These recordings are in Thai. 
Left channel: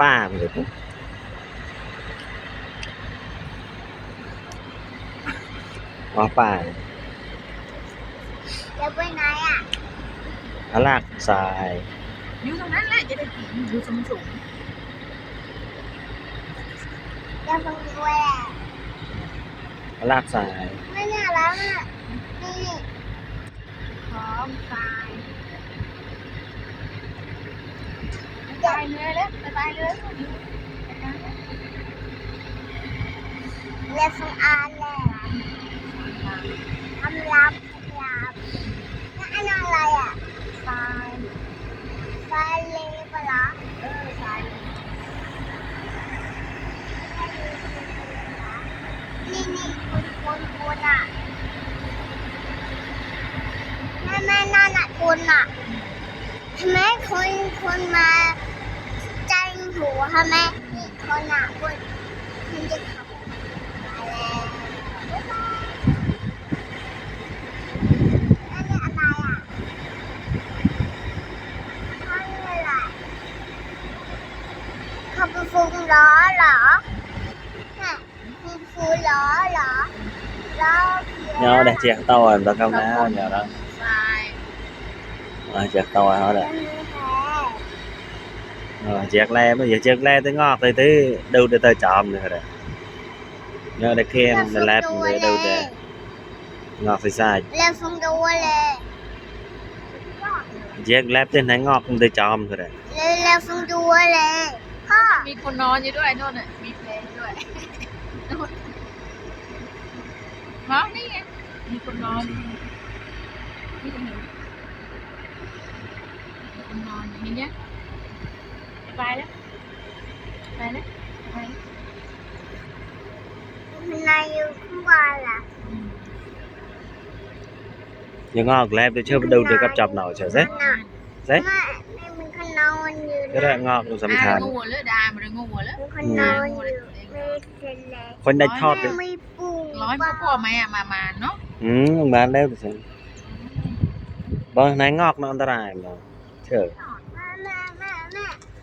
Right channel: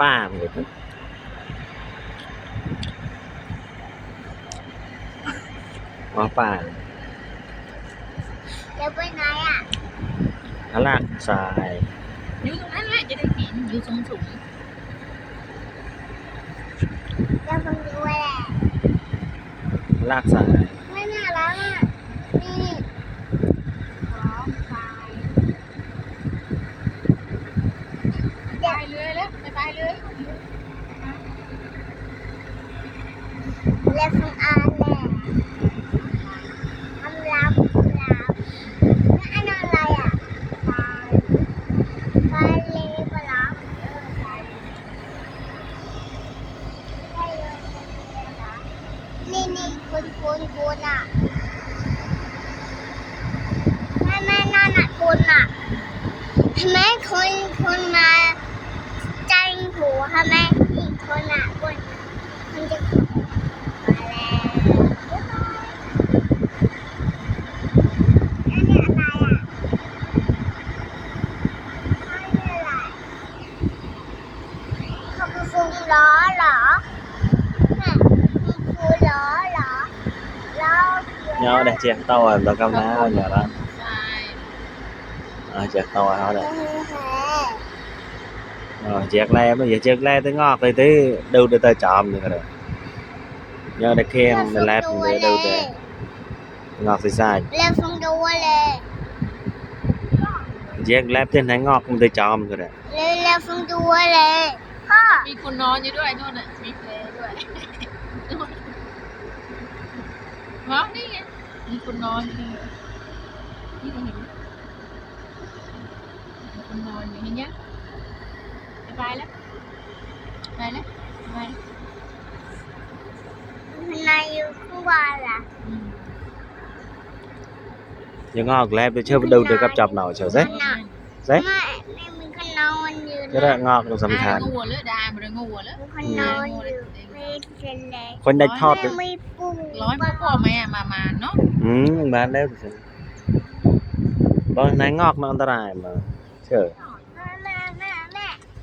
ป้าเลยว่าป้าเดี๋ยวไปไหนอ่ะลากทราย อยู่ตรงนั้นแหละจะได้กินอยู่สูงสูง เดี๋ยวฟังดูแหละ ลากทราย ไม่น่ารักอ่ะนี่ พร้อมทรายไปเลยแล้วไปเลย เรียกฟังอ่านแหละคำรับนั่นอะไรอ่ะทรายเลปะล่ะทรายนี่คุณอ่ะแม่นั่นอ่ะคุณอ่ะทำไมคนมาจังหูทำไมนี่คนอ่ะคุณมันจะมาแล้วอันนี้อะไรอ่ะอันนี้อะไรเขาเป็นฟูงล้อเหรอน่ะมีฟูล้อเหรอล้อเขียว nhau để chẹt tàu à tàu cao ná nhờ đó ทราย chẹt tàu à họ đấy chẹt le bây giờ chẹt le tới ngọt tới tới đâu để tới chòm rồi đấy nhau để khen để lép để đâu để ngọt thì sai เรียกฟังดูเลย chẹt lép trên thấy ngọt không tới chòm rồi đấy เรียกฟังดูเลยพ่อ มีคนนอนอยู่ด้วยโน่นน่ะมีเพลงด้วยนู่นฮะนี่ไงมีคนนอนนี่ตรงนี้มีคนนอนอยู่นี่เนี่ยไปแล้วไปแล้วไปแล้ว มันนายอยู่ข้างบนล่ะ nhưng ngọt lép để chưa đâu được gặp chọc nào chờ đấy ไม่มันก็นอนอยู่ cái đó ngọt cũng สำ สำ คั คั ญ ญ งูเลยได้มาเลยงูแล้ว มันก็นอนอยู่ไม่เป็นไร คนได้ทอด แม่ไม่ปรุง ร้อยพ่อแม่มาเนาะ bán đấy thì bơ này ngọt nó anh ta rài mà chờ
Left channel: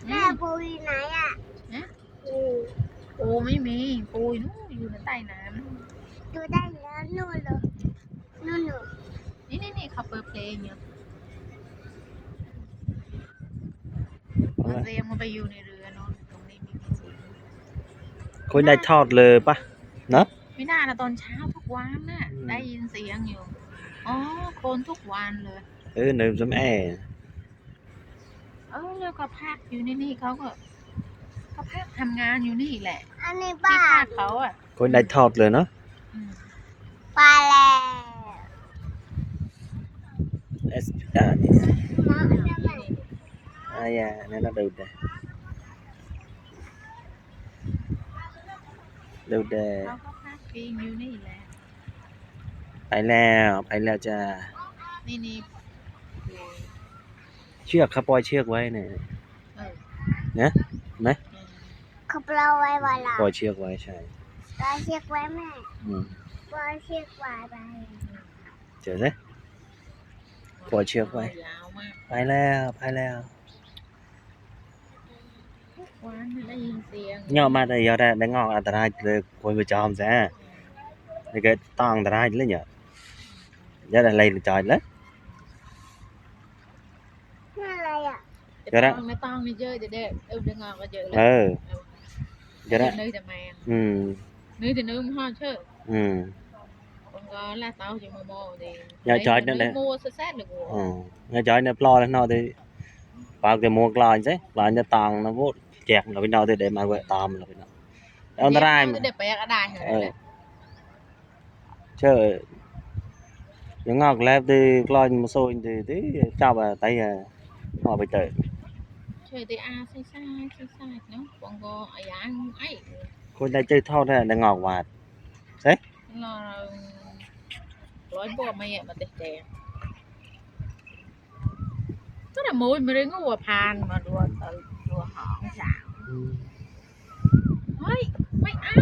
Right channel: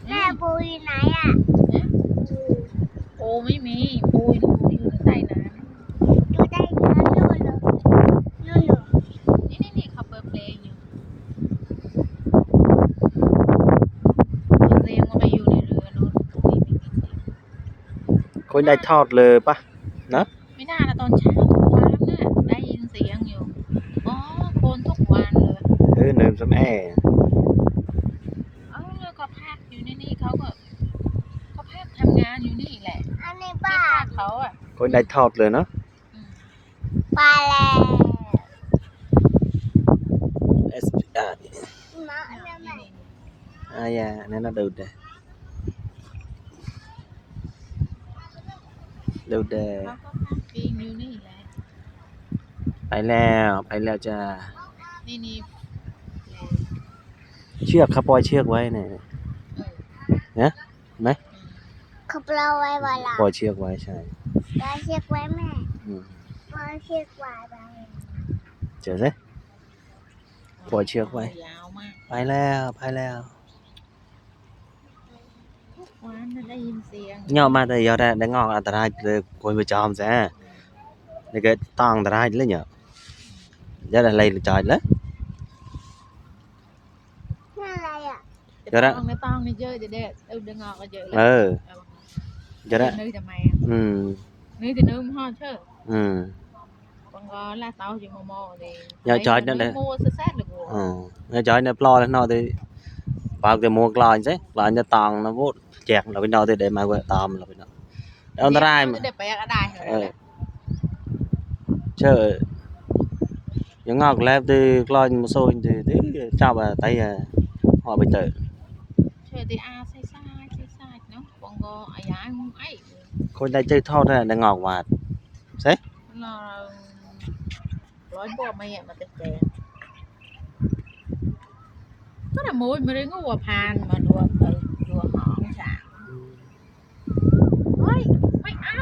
แม่ปูอยู่ไหนอ่ะ ปูไม่มีปูอยู่ใต้น้ ดูได้เนื้อนู่นเลยนู่น ำนี่เขาเปิดเพลงอยู่เรียงมาไปอยู่ในเรือโน้นตรงนี้มีเสียง คนได้ทอดเลยปะเนอะ ไม่น่านะตอนเช้าทุกวันน่ะได้ยินเสียงอยู่อ๋อโคนทุกวันเลย nêm sấm e แล้วก็พักอยู่นี่เขาพักทำงานอยู่นี่แหละ อันนี้ ที่ ป้า พักเขาอ่ะ คนได้ทอดเลยเนาะ ปลาแล้ว SPR นี่ มาอันนี้ไหน ya nên nó đều đề เขาก็พักพิงอยู่นี่แหละ ไปแล้วจ้า นี่ เชือกครับปล่อยเชือกไว้เนี่ย นะไหม เขาปลาไว้เวลา ปล่อยเชือกไว้ใช่ ปลาเชือกไว้แม่ อืม ปลาเชือกไว้ไป เจอสิปล่อยเชือกไว้ ยาวมาก ไปแล้ว วันนั้นได้ยินเสียง nhau mà thì giờ đã ngọtอันตรายเลยคนไปจอมซะนี่ก็ต้องอันตรายเลยเนี่ยgiờ đã lấy trời đấy นั่นอะไรอ่ะ ไม่ต้องนี่เยอะเด็ดดึงออกก็เยอะ giờ đã นื้อจะแม่ ừ นื้อจะนื้อห่อเชื่อ ừ còn lá táo chỉ mò thì giờ trời nó đây mua sơ sát được giờ trời nó lo lên nó thì vào cái mua lo chứ lo nó toàn nó vút chẹt là bên đó thì để mà quậy tòm là bên đóอันตราย เด็ดไปก็ได้เหรอ chơi những ngọc lép thì lo một số thì chào bà tay họ bị tệ ช่วยตีอาใส่เนาะcòn có ai ăn ấy คนได้chơiทอดได้ได้งอกหวาน làร้อยบัวไม่มาเตะแดงก็แต่มวยไม่ได้งูว่าพานมาดูหอมฉางเฮ้ยไม่เอา